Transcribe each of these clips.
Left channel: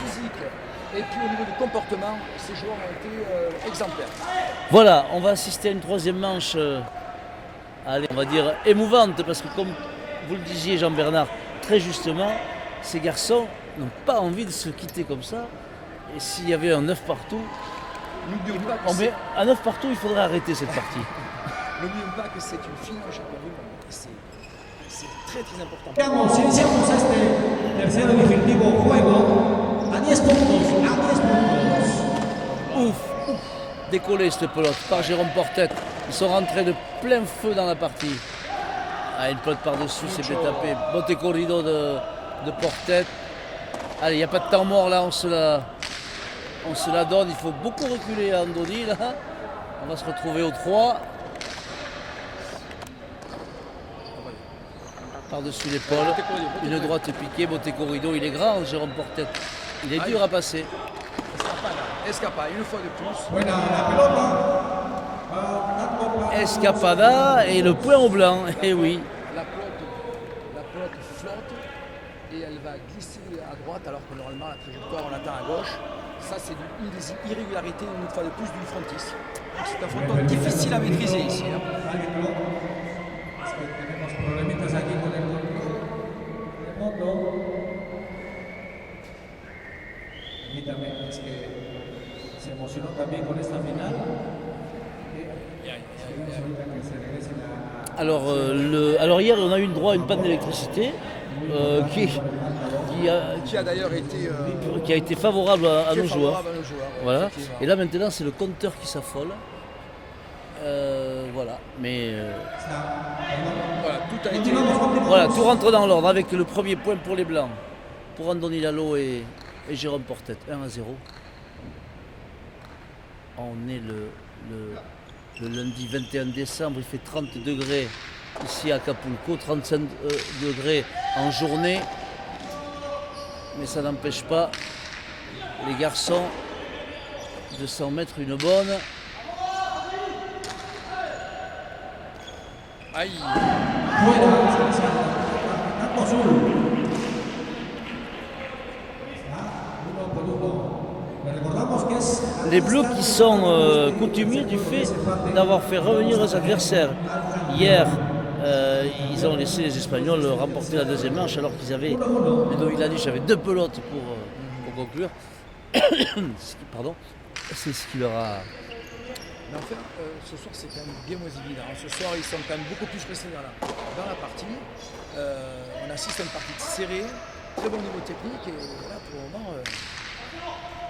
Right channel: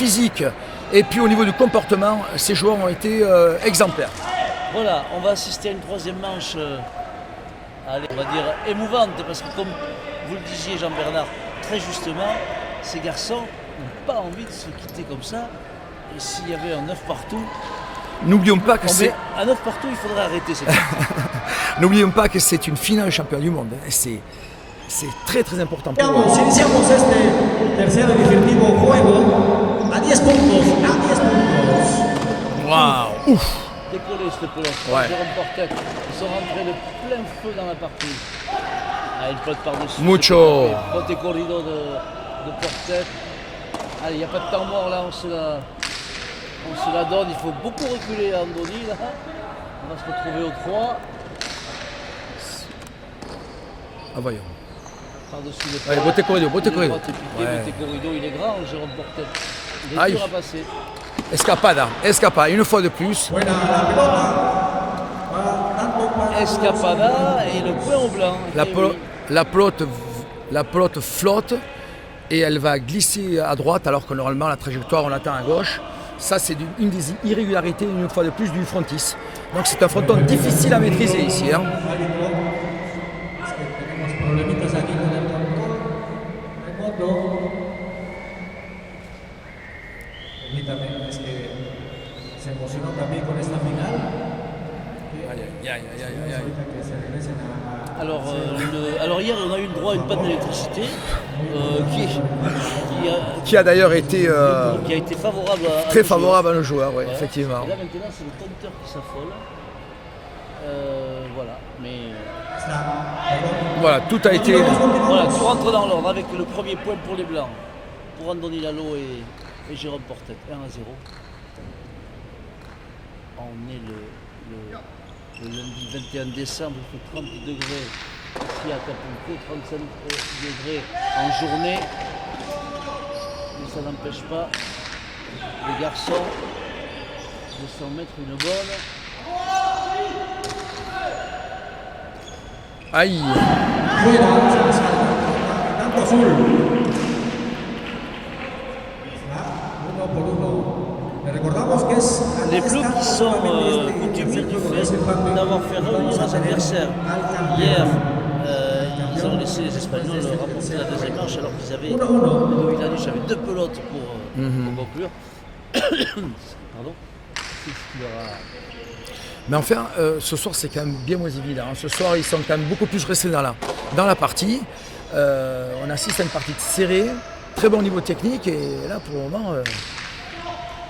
physique et puis au niveau du comportement, ces joueurs ont été exemplaires. Voilà, on va assister à une troisième manche, allez, on va dire émouvante, parce que comme vous le disiez Jean-Bernard, très justement, ces garçons n'ont pas envie de se quitter comme ça. Et s'il y avait un 9 partout, N'oublions pas que un 9 partout, il faudrait arrêter cette partie. N'oublions pas que c'est une finale championnat du monde. Et c'est très très important pour nous. Iniciamos este tercer y definitivo juego a 10 puntos, a 10 puntos. Waouh. Décollé cette pelote par Jérôme Portet. Ils sont rentrés de plein feu dans la partie. Ah, une pelote par-dessus. Mucho. Bon corrido de Portet. Allez, il n'y a pas de temps mort là, on se la donne. Il faut beaucoup reculer à Andoni là. On va se retrouver au 3. Ah, voyons. Par-dessus les pas. Allez, Bote corrido. Bote corrido, il est grand, Jérôme Portet. Il est dur à passer. Escapada, une fois de plus. Escapada et le point au blanc. La pelote flotte et elle va glisser à droite alors que normalement la trajectoire on attend à gauche. Ça c'est une des irrégularités une fois de plus du frontis. Donc c'est un fronton difficile à maîtriser ici. Hein. Es que se emocionó también con esta final. Alors hier on a eu le droit à une panne d'électricité qui a d'ailleurs été qui a été favorable à très favorable à nos joueurs, ouais, voilà. Effectivement. Et là maintenant c'est le compteur qui s'affole. Voilà, mais voilà, tout a été. Voilà, tout rentre dans l'ordre avec le premier point pour les Blancs, pour Andoni Lalo et Jérôme Portet, 1-0. On est le lundi 21 décembre, il fait 30 degrés ici à Acapulco, 35 degrés en journée. Mais ça n'empêche pas les garçons de s'en mettre une bonne. Aïe. Les Bleus qui sont coutumiers du fait d'avoir fait revenir leurs adversaires. Hier, ils ont laissé les Espagnols remporter la deuxième manche alors qu'ils avaient Ludovic avait 2 pelotes pour conclure. Pardon. C'est ce qui leur a... Mais enfin, ce soir c'est quand même bien moins évident. Ce soir ils sont quand même beaucoup plus restés dans la partie. On assiste à une partie serrée, très bon niveau technique et là pour le moment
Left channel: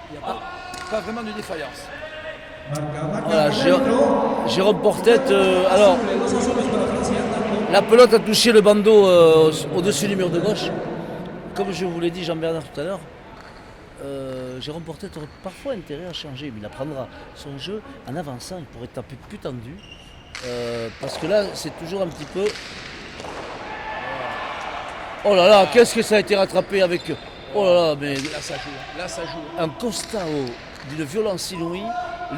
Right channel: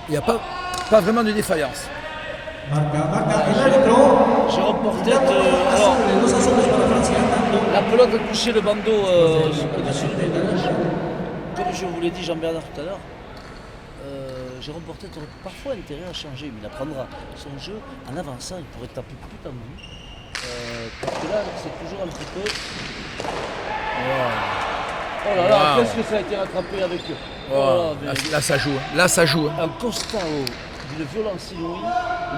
il n'y a pas vraiment de défaillance. Jérôme Portet, la pelote a touché le bandeau au-dessus du mur de gauche. Comme je vous l'ai dit Jean-Bernard tout à l'heure, Jérôme Portet aurait parfois intérêt à changer, mais il apprendra son jeu en avançant, il pourrait taper plus tendu. Parce que là, c'est toujours un petit peu... Oh là là, qu'est-ce que ça a été rattrapé avec... Oh là là, mais... Là, ça joue. Un constat d'une violence inouïe.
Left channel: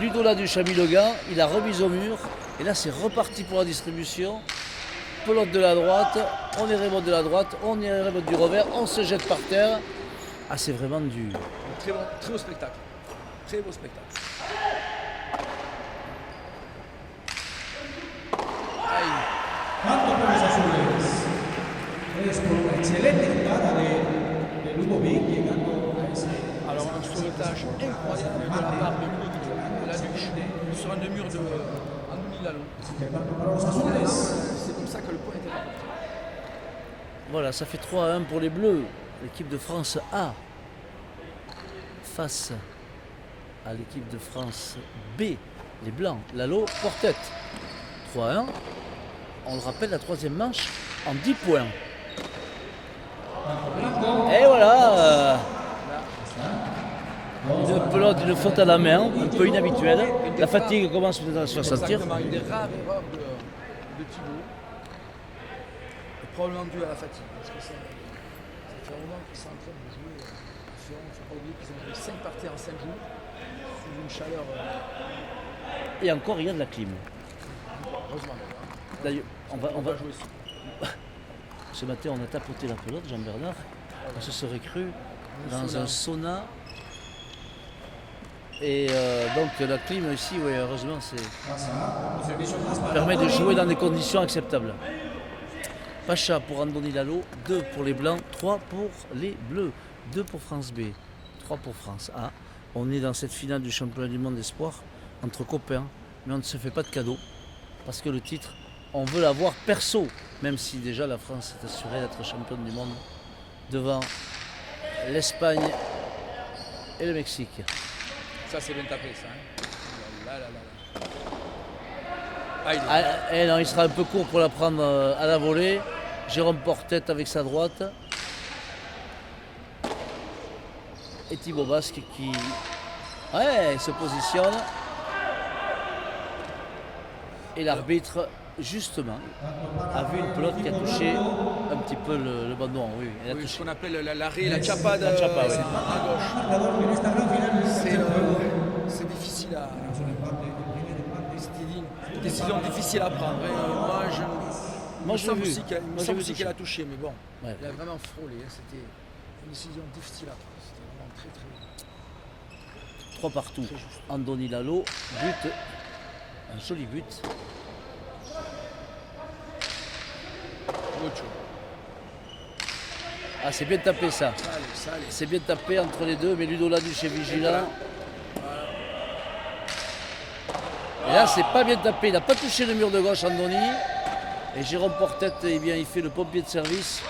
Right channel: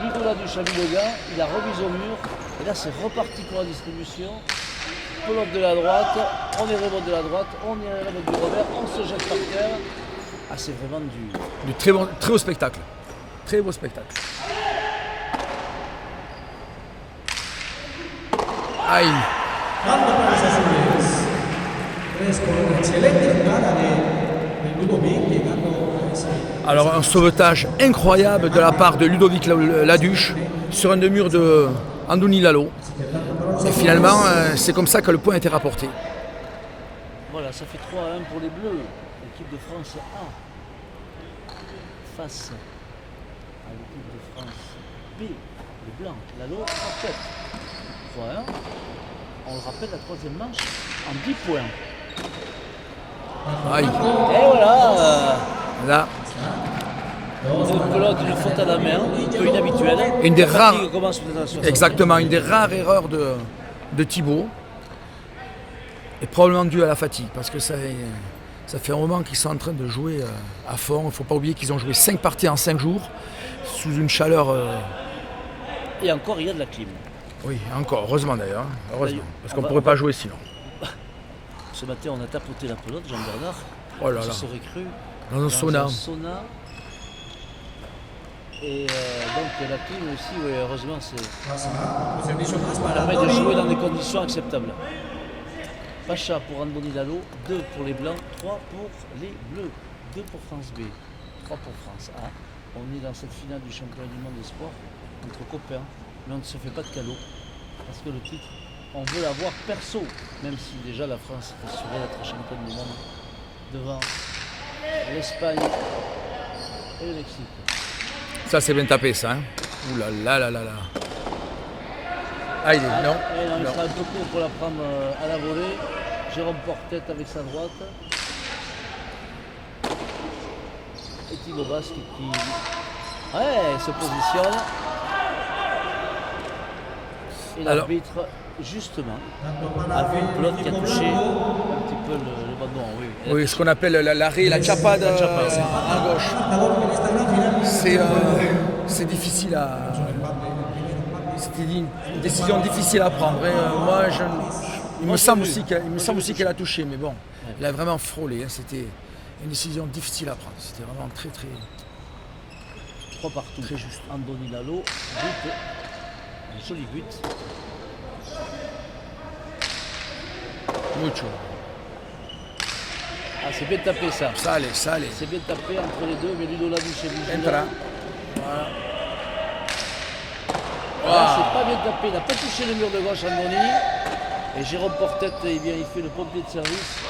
Ludo Laduche a mis le gars, il a remis au mur, et là c'est reparti pour la distribution. Pelote de la droite, on est remonte de la droite, on est remonte du revers, on se jette par terre. Ah, c'est vraiment du très beau spectacle. Très beau spectacle. Aïe. Alors un sauvetage incroyable de la part de Ludovic Laduche sur un demi-mur de Andoni Lalo. Et finalement, c'est comme ça que le point a été rapporté. Voilà, ça fait 3-1 pour les Bleus. L'équipe de France A face à l'équipe de France B, les Blancs, Lalo, Portet. 3-1. On rappelle la troisième manche en 10 points. Aïe. Et voilà. Là. Une pelote, une faute à la main, un peu inhabituelle. Une des rares. Exactement, une des rares erreurs de Thibaut. Et probablement due à la fatigue, parce que ça fait un moment qu'ils sont en train de jouer à fond. Il ne faut pas oublier qu'ils ont joué 5 parties en 5 jours, sous une chaleur... Et encore, il y a de la clim. Oui, encore, heureusement d'ailleurs. Heureusement, parce qu'on ne pourrait pas jouer sinon. Ce matin, on a tapoté la pelote, Jean-Bernard. Oh là là. Je serais cru Dans un sauna. Et donc la clim aussi, oui, heureusement, ça permet de jouer dans des conditions acceptables. Pacha pour Andoni Lalo, 2 pour les Blancs, 3 pour les Bleus, 2 pour France B, 3 pour France A. On est dans cette finale du championnat du monde d'espoir entre copains, mais on ne se fait pas de cadeau parce que le titre, on veut l'avoir perso, même si déjà la France est assurée d'être championne du monde devant l'Espagne et le Mexique. Ça, c'est bien tapé, ça. Hein. Ouh là là là là là. Ah, il est non. Non, il sera un peu court pour la prendre à la volée. Jérôme Portet avec sa droite. Et Thibaut Basque qui se positionne. Et l'arbitre, justement, a vu une pelote qui a touché un petit peu le ballon. Oui, ce qu'on appelle l'arrêt, la chapade à gauche. C'est difficile à... C'était une décision difficile à prendre. Moi, il me semble aussi qu'elle a touché, mais bon, elle a vraiment frôlé. Hein. C'était une décision difficile à prendre. C'était vraiment très, très... 3 partout. Très juste. Andoni Lalo, but. Un joli but. Mucho. Ah, c'est bien tapé ça. Sale. C'est bien tapé entre les deux, mais Ludo Laduche est vigilant. Voilà. Là, c'est pas bien tapé. Il n'a pas touché le mur de gauche, Andoni. Et Jérôme Portet, il fait le pompier de service.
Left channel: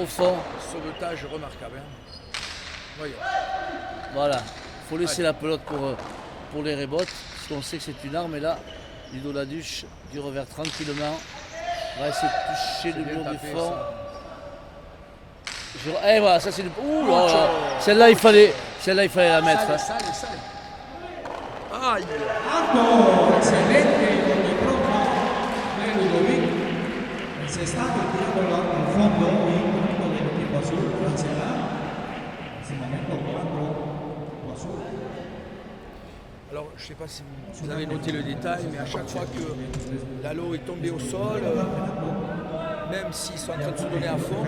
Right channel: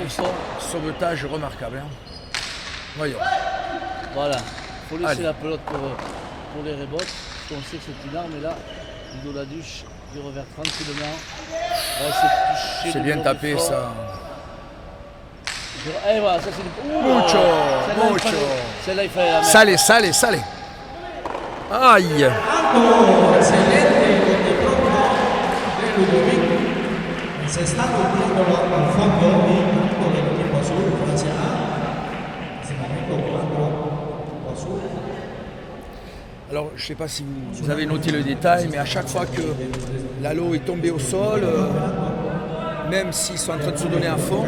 Au fond, sauvetage remarquable. Hein. Voyons. Voilà. Il faut laisser la pelote pour les rebotes. Parce qu'on sait que c'est une arme. Et là, Ludo Laduche du revers tranquillement. Ouais, c'est bien tapé ça. Et voilà, ça c'est le. Celle-là, il fallait la mettre. Sale. Aïe. Alors, je ne sais pas si vous avez noté le détail, mais à chaque fois que Lalo est tombé au sol, même s'ils sont en train de se donner à fond,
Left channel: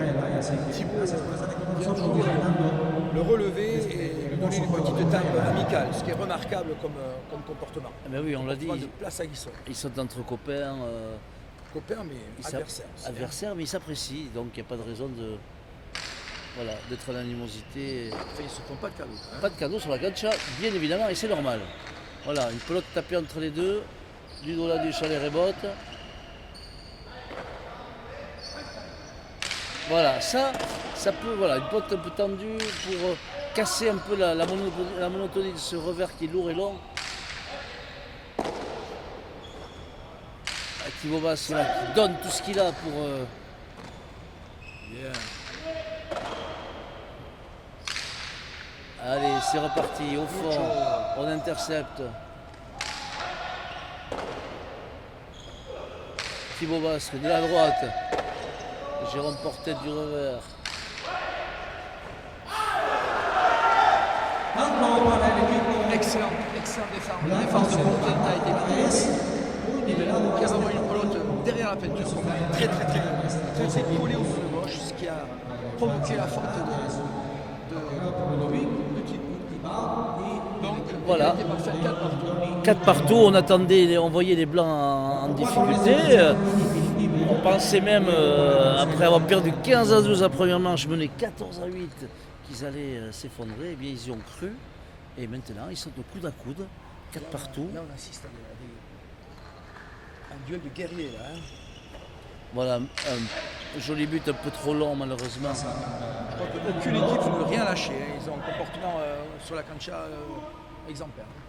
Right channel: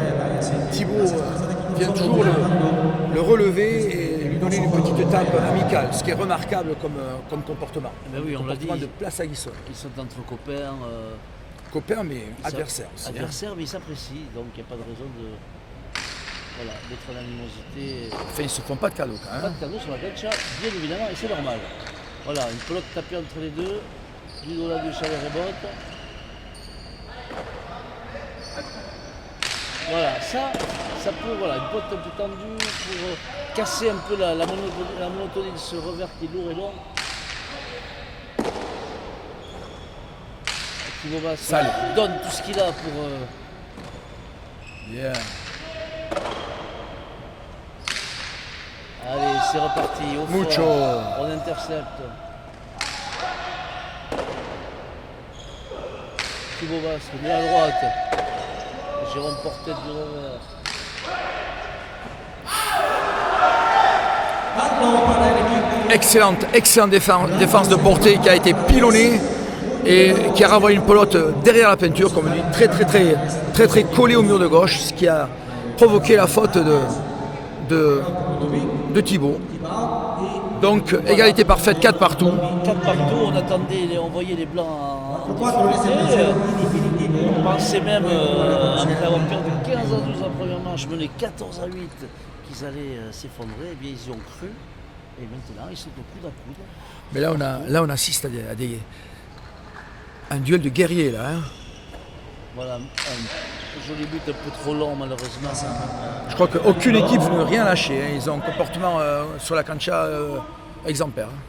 Thibaut vient toujours le relever et lui donner une petite tape amicale, ce qui est remarquable comme comportement. Ben oui, on l'a dit. De place à Guissol. Ils sont entre copains. Copains, mais adversaires aussi. Adversaires, mais ils s'apprécient, donc il n'y a pas de raison d'être en animosité. Enfin, ils ne se font pas de cadeaux. Hein. Pas de cadeaux sur la cancha, bien évidemment, et c'est normal. Voilà, une pelote tapée entre les deux, Ludo Laduche à les rebotes. Voilà, ça peut, voilà, une pelote un peu tendue pour casser un peu la monotonie de ce revers qui est lourd et long. Thibaut Basque donne tout ce qu'il a pour... Yeah. Allez, c'est reparti, au fond, Mucho. on intercepte. Thibaut Basque de la droite. Jérôme Portet du revers. Excellente défense de Portet qui a été pilonnée et qui a renvoyé une pelote derrière la peinture, comme on dit, très collée au mur de gauche, ce qui a provoqué la faute de Thibaut. Donc égalité parfaite, 4 partout. 4 partout, on voyait les Blancs en difficulté. On pensait même, après avoir perdu 15-12 la première manche, mené 14-8, qu'ils allaient s'effondrer. Eh bien, ils y ont cru. Et maintenant, ils sont de coude à coude. Mais là, on assiste à un duel de guerriers, là. Hein. Voilà, un joli but un peu trop long, malheureusement. Je crois qu'aucune équipe ne veut rien lâcher. Hein. Ils ont un comportement sur la cancha exemplaire. Hein.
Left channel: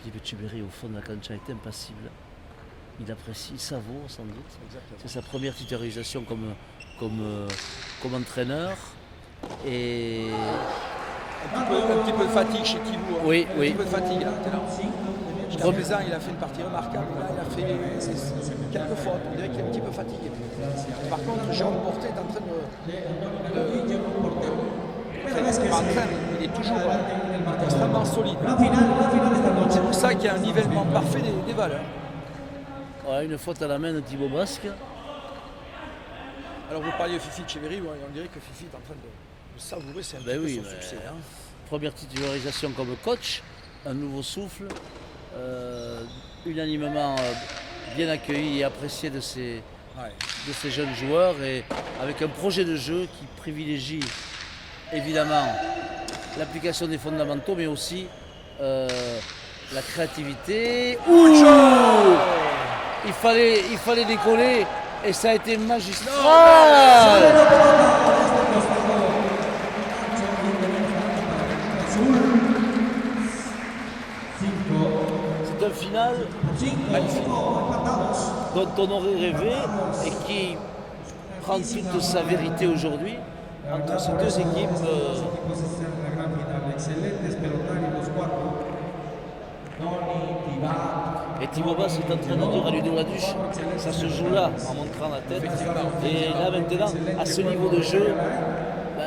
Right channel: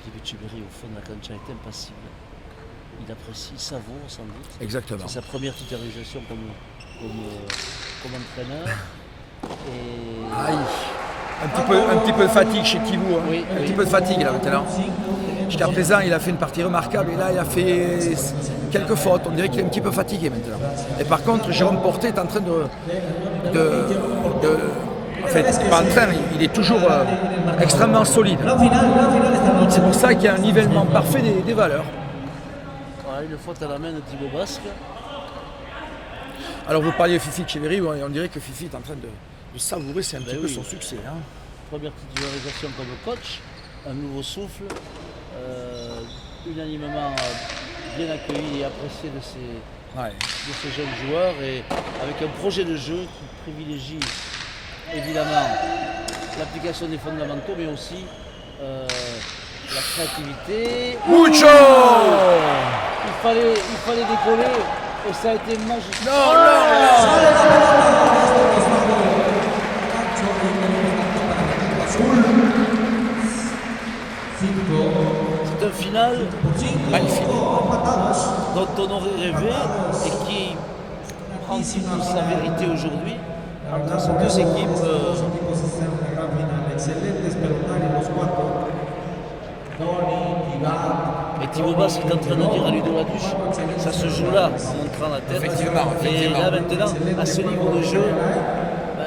Philippe Etcheverry, au fond de la cancha, est impassible. Il apprécie, il savoure sans doute. Exactement. C'est sa première titularisation comme entraîneur. Et... Un petit peu de fatigue chez Thibaut. Hein. Oui, un petit peu de fatigue là maintenant. Jusqu'à présent, il a fait une partie remarquable et là, il a fait quelques fautes. On dirait qu'il est un petit peu fatigué maintenant. Et par contre, Jérôme Portet est en train en fait, pas en train, mais il est toujours extrêmement solide. C'est pour ça qu'il y a un nivellement parfait des valeurs. Voilà, une faute à la main de Thibaut Basque. Alors vous parliez de Fifi Cheveri, on dirait que Fifi est en train de savourer, c'est un petit peu son succès. Hein. Première titularisation comme coach, un nouveau souffle, unanimement bien accueilli et apprécié de ces jeunes joueurs, et avec un projet de jeu qui privilégie évidemment l'application des fondamentaux, mais aussi la créativité. Mucho Il fallait décoller et ça a été magistral. C'est un final magnifique. dont on aurait rêvé et qui prend toute sa vérité aujourd'hui entre ces deux équipes. Et Thibaut Basse est en train de dire à Ludo Laduche, ça se joue là, en montrant la tête. Et là maintenant, à ce niveau de jeu,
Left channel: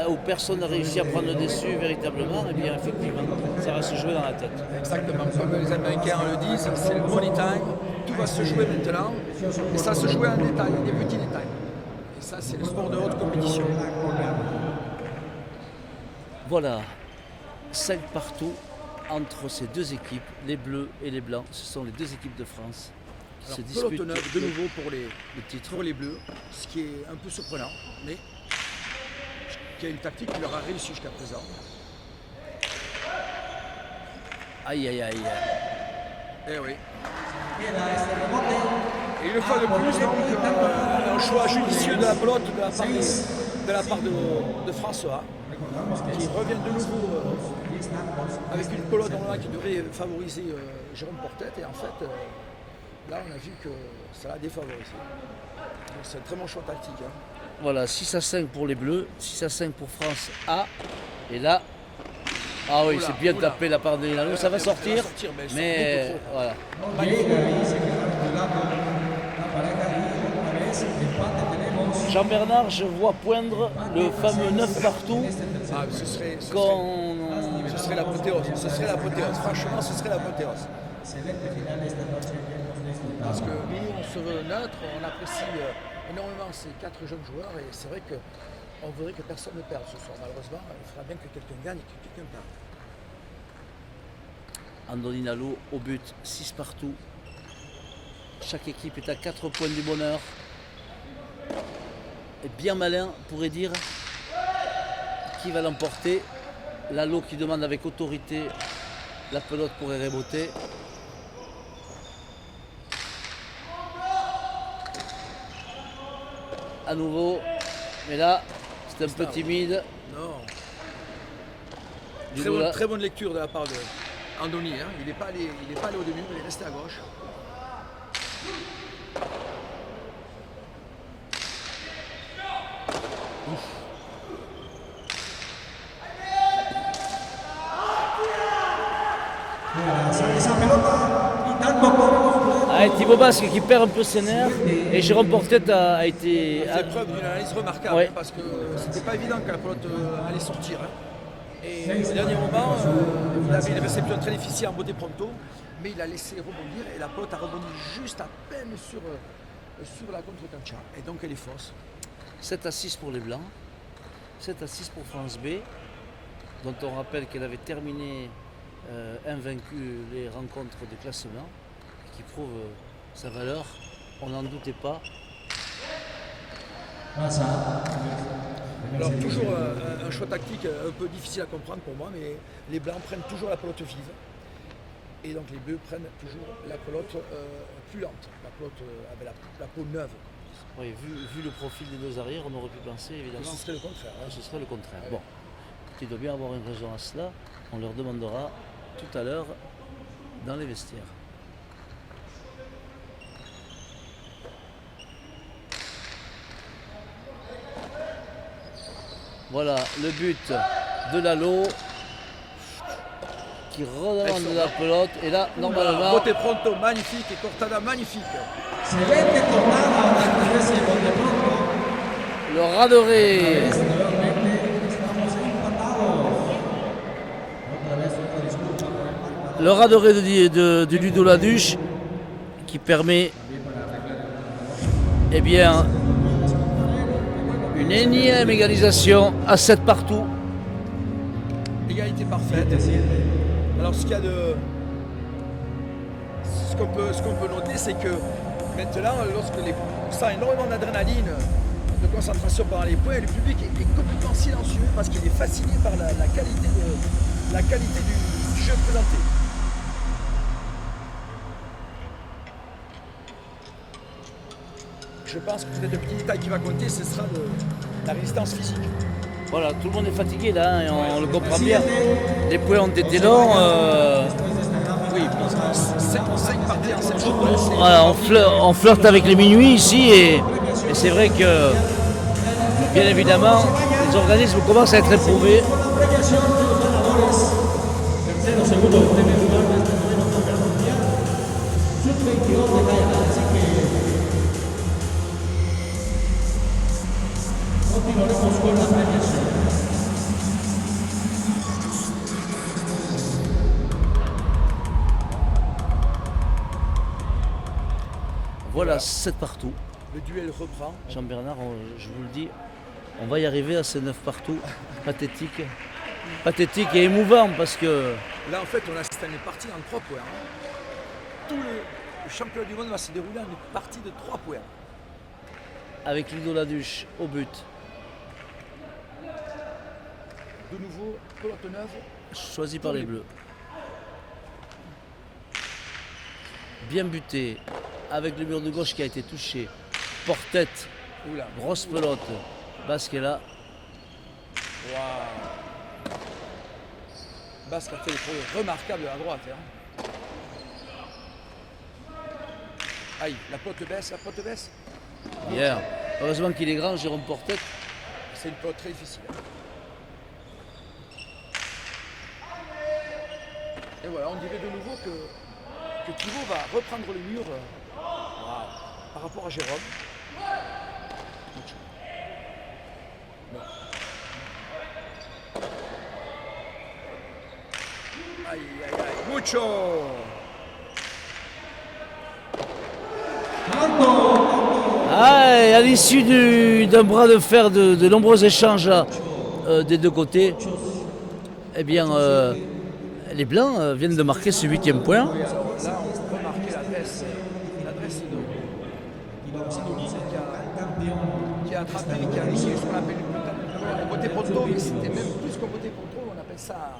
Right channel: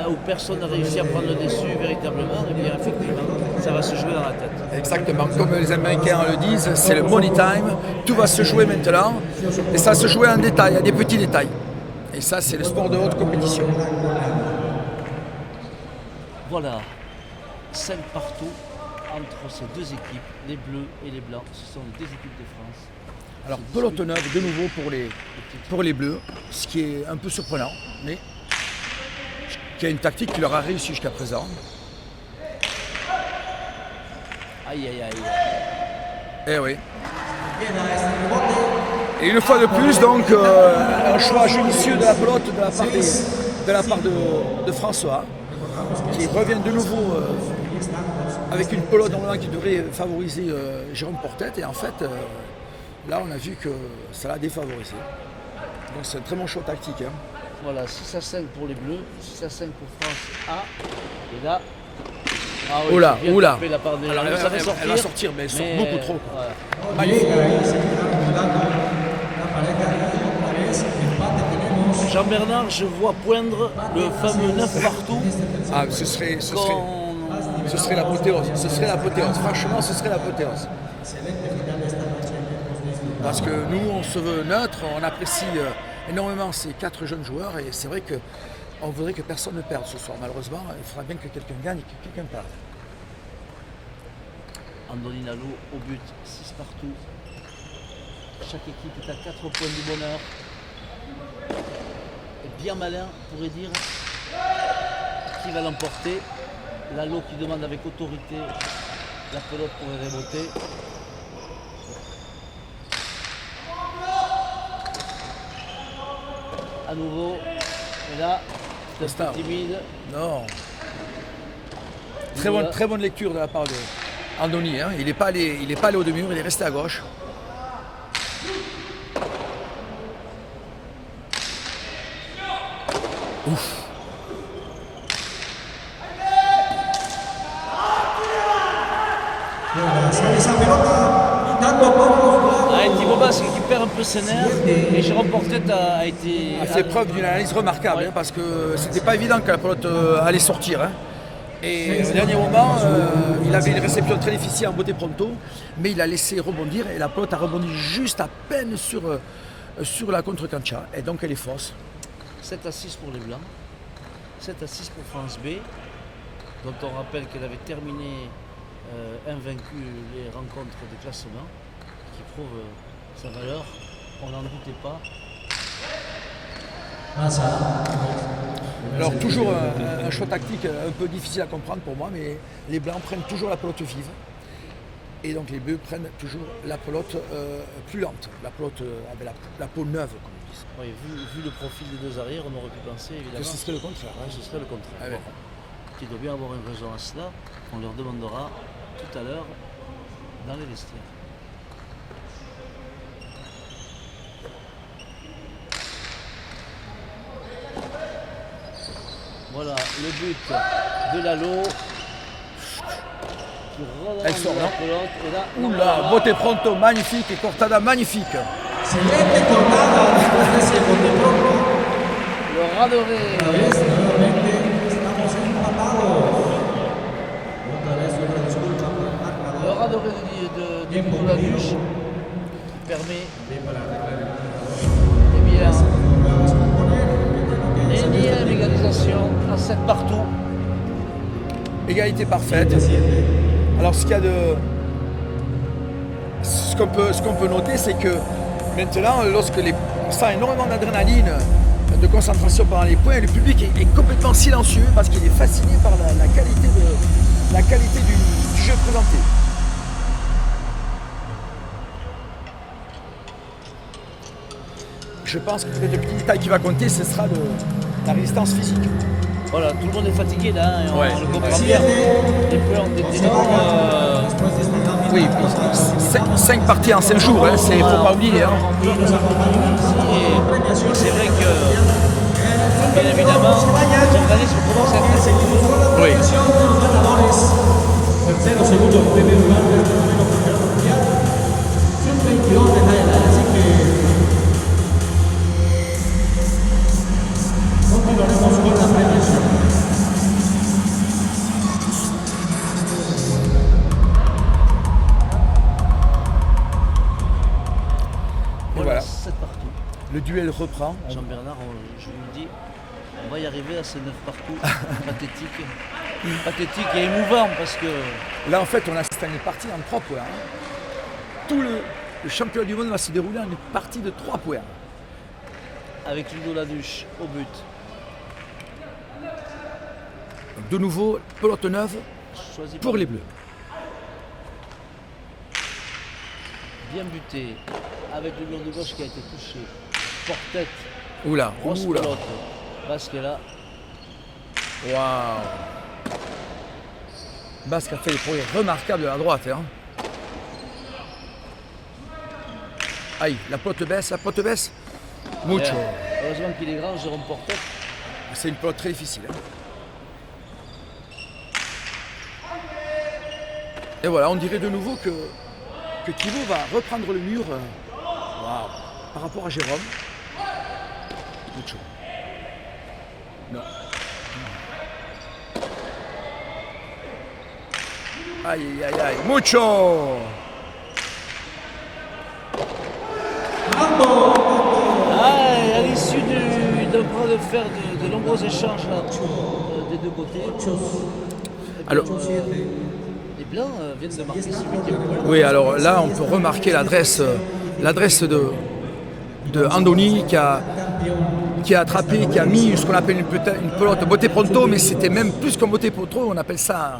où personne n'a réussi à prendre le dessus véritablement, eh bien effectivement, ça va se jouer dans la tête. Exactement, comme les Américains le disent, c'est le money time, tout va se jouer maintenant, et ça va se jouer en détail, à des petits détails. Et ça, c'est le sport de haute compétition. Voilà, 5 partout entre ces deux équipes, les Bleus et les Blancs. Ce sont les deux équipes de France. Alors, pelote neuve de nouveau pour les Bleus, ce qui est un peu surprenant, mais qui a une tactique qui leur a réussi jusqu'à présent. Aïe aïe aïe. Eh oui. Et une fois de plus, donc, un choix judicieux de la pelote de la part de François, qui revient de nouveau avec une pelote normalement qui devrait favoriser Jérôme Portet. Et en fait, là, on a vu que ça l'a défavorisé. Donc c'est un très bon choix tactique. Hein. Voilà, 6-5 pour les Bleus, 6-5 pour France A. Et là, oui, oula, bien oula. tapé la part des... Alors, ça va sortir. Elle va sortir, mais elle sort beaucoup trop. Voilà. Magnifique. Jean-Bernard, je vois poindre le fameux 9 partout. Ah, ce serait l'apothéose. Ce serait l'apothéose. Franchement, ce serait l'apothéose. Parce que nous, on se veut neutre, on apprécie énormément ces 4 jeunes joueurs, et c'est vrai qu'on voudrait que personne ne perde ce soir. Malheureusement, il faudra bien que quelqu'un gagne et que quelqu'un perde. Andoni Nalo au but, 6 partout. Chaque équipe est à 4 points du bonheur. Et bien malin pourrait dire qui va l'emporter. Lalo qui demande avec autorité, la pelote pourrait reboter. À nouveau, et là, c'était un peu timide. Non. Très bonne lecture de la part d'Andoni. Hein. Il n'est pas allé au demi-mur, il est resté à gauche. Ouf. Thibaut Basse qui perd un peu ses nerfs, et Jérôme Portet a fait preuve d'une analyse remarquable, ouais. Hein, parce que c'était pas évident que la pelote allait sortir. Hein. Et au dernier moment, il avait une réception très difficile en beauté pronto, mais il a laissé rebondir, et la pelote a rebondi juste à peine sur la contre-cancha, et donc elle est fausse. 7-6 pour les Blancs, 7-6 pour France B, dont on rappelle qu'elle avait terminé invaincue les rencontres de classement, qui prouve sa valeur, on n'en doutait pas. Alors toujours un choix tactique un peu difficile à comprendre pour moi, mais les Blancs prennent toujours la pelote vive, et donc les Bleus prennent toujours la pelote plus lente, la pelote avec la peau neuve, comme on dit. Oui, vu le profil des deux arrières, on aurait pu penser évidemment que ce serait le contraire. Hein, ce serait le contraire. Ah, ouais. Qui doit bien avoir une raison à cela, on leur demandera tout à l'heure dans les vestiaires. Voilà le but de Lalo qui relance la pelote, et là, non, là, beauté pronto magnifique et Cortada magnifique. Le Radoré. Le Radoré de Ludo Laduche qui permet, eh bien, Énième égalisation à 7 partout. Égalité parfaite. Alors ce qu'on peut noter, c'est que maintenant, on sent énormément d'adrénaline, de concentration pendant les points, et le public est complètement silencieux parce qu'il est fasciné par la qualité du jeu présenté. Je pense que peut-être le petit détail qui va compter, ce sera la résistance physique. Voilà, tout le monde est fatigué là, hein, Ouais. on le comprend bien. Les points ont été longs. Oui, 5 parties en 5 jours, hein, c'est Voilà, faut pas oublier, hein. on flirte avec les minuit ici et c'est vrai que, bien évidemment, les organismes commencent à être éprouvés. Oui. Tercero, segundo, primer lugar de este noveno campeonato mundial. 122 medallas, así que continuaremos con la premiación. Voilà, 7 partout. Le duel reprend. Jean-Bernard, je vous le dis, on va y arriver à ce 9 partout. Pathétique. Pathétique et émouvant parce que Là, en fait, on assiste à une partie en 3 points. Hein. Tout le championnat du monde va se dérouler en une partie de 3 points. avec Ludo Laduche au but. De nouveau, pelote neuve Choisi pour par les Bleus. Bien buté, avec le mur de gauche qui a été touché. Porte-tête, Oula, grosse oula. pelote. Basquela, Waouh. Basque a fait des progrès remarquables de la droite. Hein. Aïe, la pelote baisse. Mucho. bien. Heureusement qu'il est grand, Jérôme Porte-tête. C'est une pelote très difficile. Hein. Et voilà, on dirait de nouveau que Thibaut va reprendre le mur par rapport à Jérôme. Mucho. Non. Aïe, aïe, aïe. Mucho. Ah, et à l'issue d'un bras de fer de nombreux échanges des deux côtés, eh bien, les Blancs viennent de marquer ce 8e point. Oui, alors là, on peut remarquer l'adresse de Andoni qui a attrapé, qui a mis ce qu'on appelle une pelote botte pronto, mais c'était même plus qu'un botte pronto, on appelle ça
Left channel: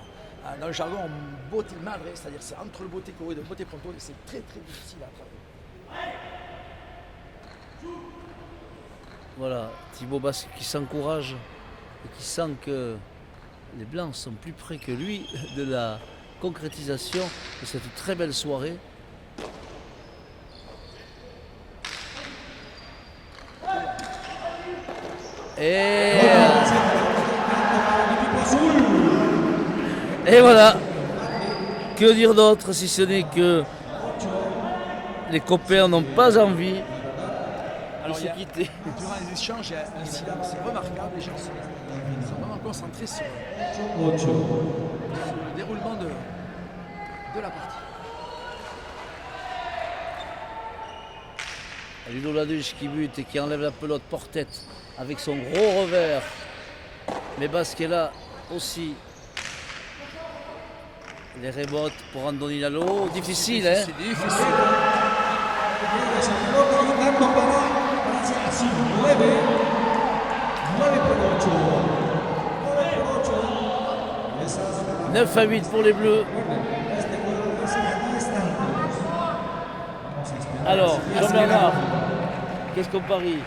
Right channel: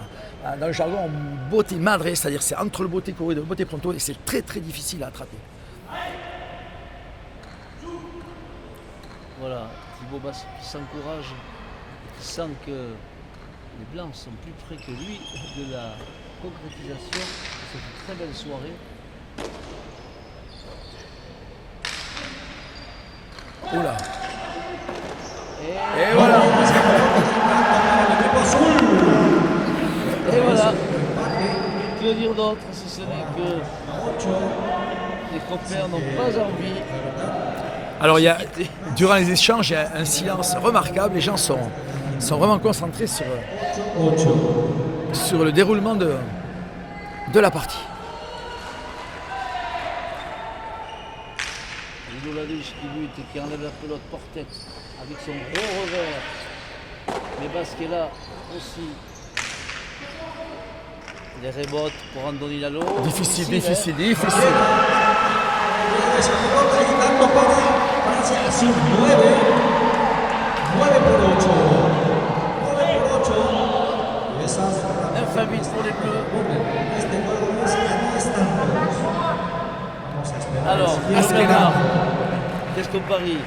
dans le jargon botte madre, c'est-à-dire c'est entre le botte corrido et le botte pronto et c'est très très difficile à attraper. Voilà, Thibaut Basque qui s'encourage et qui sent que les Blancs sont plus près que lui de la concrétisation de cette très belle soirée. Oula. Et voilà. Et voilà. Que dire d'autre si ce n'est que les copains n'ont pas envie. Alors durant les échanges, il y a un silence remarquable, les gens sont vraiment concentrés sur le déroulement de la partie. Ludo Laduche qui bute et qui enlève la pelote porte-tête avec son gros revers. Mais Basquela aussi. Les rebotes pour Andoni Lalo. Difficile. Se equivoca y tanto para hacia así 9 por 8. 9 por 8. Y esas 9-8 pour les Bleus. este gol es aquí están. Vamos a esperar. Alors, Basquela. Jean-Bernard, qu'est-ce qu'on parie?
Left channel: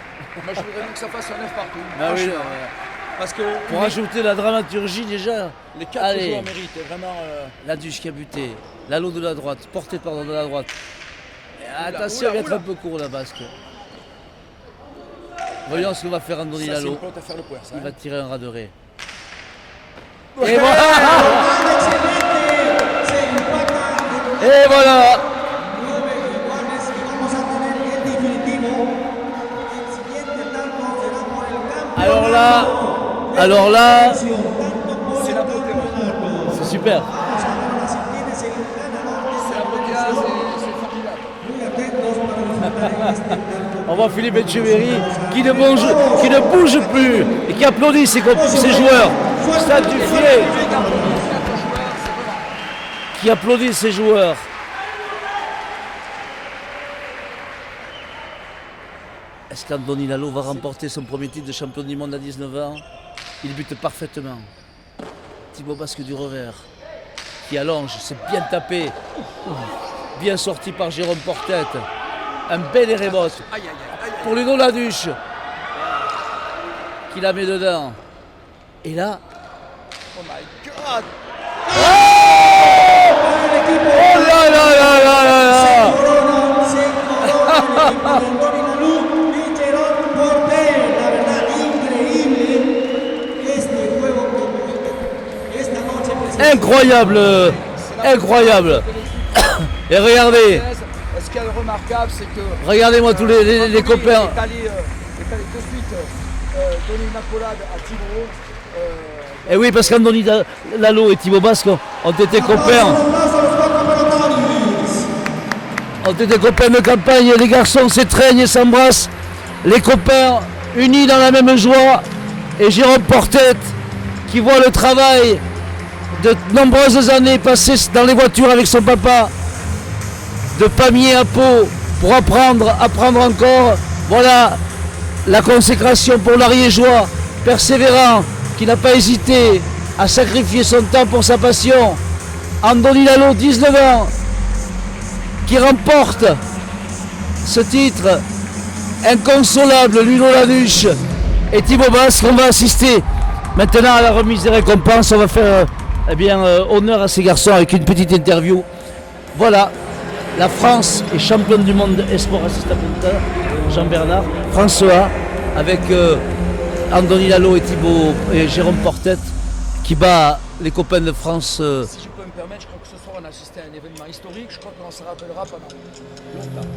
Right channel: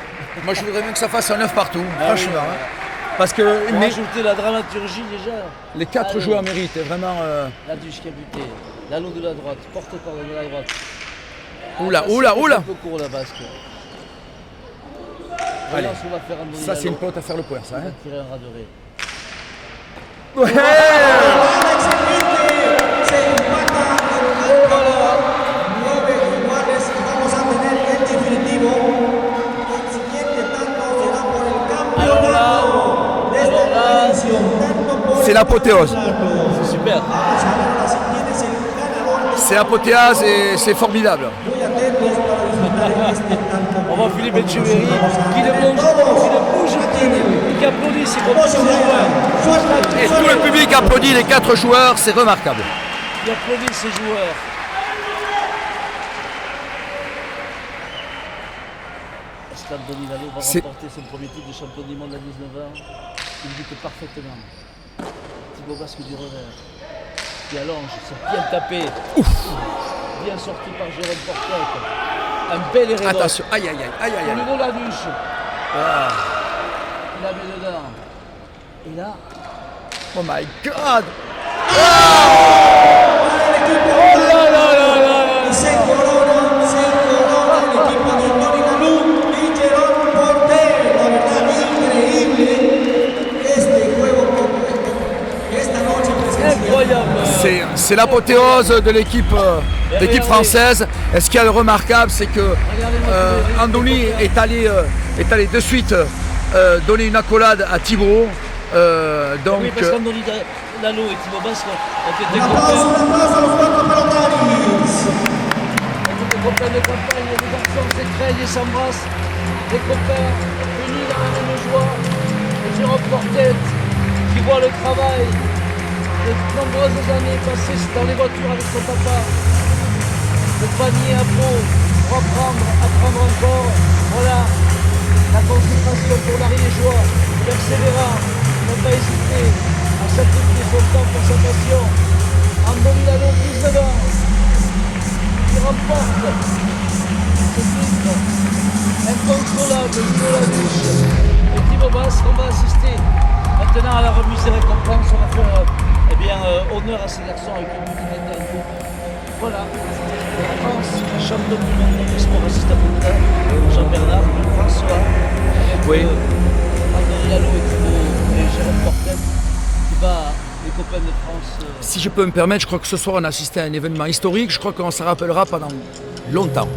Moi je voudrais bien que ça fasse un 9 partout, Ah franchement. oui, Hein. Parce que Pour ajouter la dramaturgie déjà. les 4 Allez. joueurs méritent vraiment. Laduche qui a buté. Lalo de la droite, porté par de la droite. Oula, ça, c'est oula, peut-être oula. un peu court la basque. Voyons Allez. ce qu'on va faire Andoni Ça c'est une Lalo. pelote à faire le point, ça. Il va Hein. tirer un ras de raie. Se empata Et voilà. 9 iguales y vamos a tener el definitivo. El siguiente tanto será por el cambio. Alors là, C'est l'apothéose. c'est super. C'est l'apothéose et c'est formidable. On va devant Philippe Etcheverry qui ne bouge plus et qui applaudit ses joueurs. Et tout le public applaudit les 4 joueurs, c'est remarquable. Qui applaudit ses joueurs. Est-ce qu'Andoni Lalo va remporter son premier titre de champion du monde à 19 ans? Il bute parfaitement. Thibaut Basque du revers. Qui allonge, c'est bien tapé. Ouf. Bien sorti par Jérôme Portet. Un bel Erebos. Attention, aïe aïe aïe aïe aïe. Pour Ludo Laduche. Voilà. Qui la met dedans. Et là. Oh my god. Incroyable. C'est l'apothéose de l'équipe française. Et ce qu'il y a de remarquable, c'est que regardez-moi tous les copains est allé de suite donner une accolade à Thibaut. Et oui, parce qu'Andoni Lalo et Thibaut Basque ont été copains. Ont été copains de campagne. Les garçons s'étreignent et s'embrassent. Les copains unis dans la même joie. Et Jérôme Portet qui voit le travail de nombreuses années passées dans les voitures avec son papa, de Pamiers à Pau, pour apprendre encore. Voilà la consécration pour l'Ariégeois, persévérant, qui n'a pas hésité à sacrifier son temps pour sa passion. Andoni Lalo, 19 ans, qui remporte ce titre inconsolable. Ludo Laduche et Thibaut Basque. On va assister maintenant à la remise des récompenses. On va faire honneur à ces garçons avec une petite interview. Voilà, la France est championne du monde espoir. Jean-Bernard, François, avec Andoni Lalo et Thibaut et Jérôme Portet qui bat les copains de France. Si je peux me permettre, je crois que ce soir on a assisté à un événement historique. Je crois qu'on s'en rappellera pendant longtemps.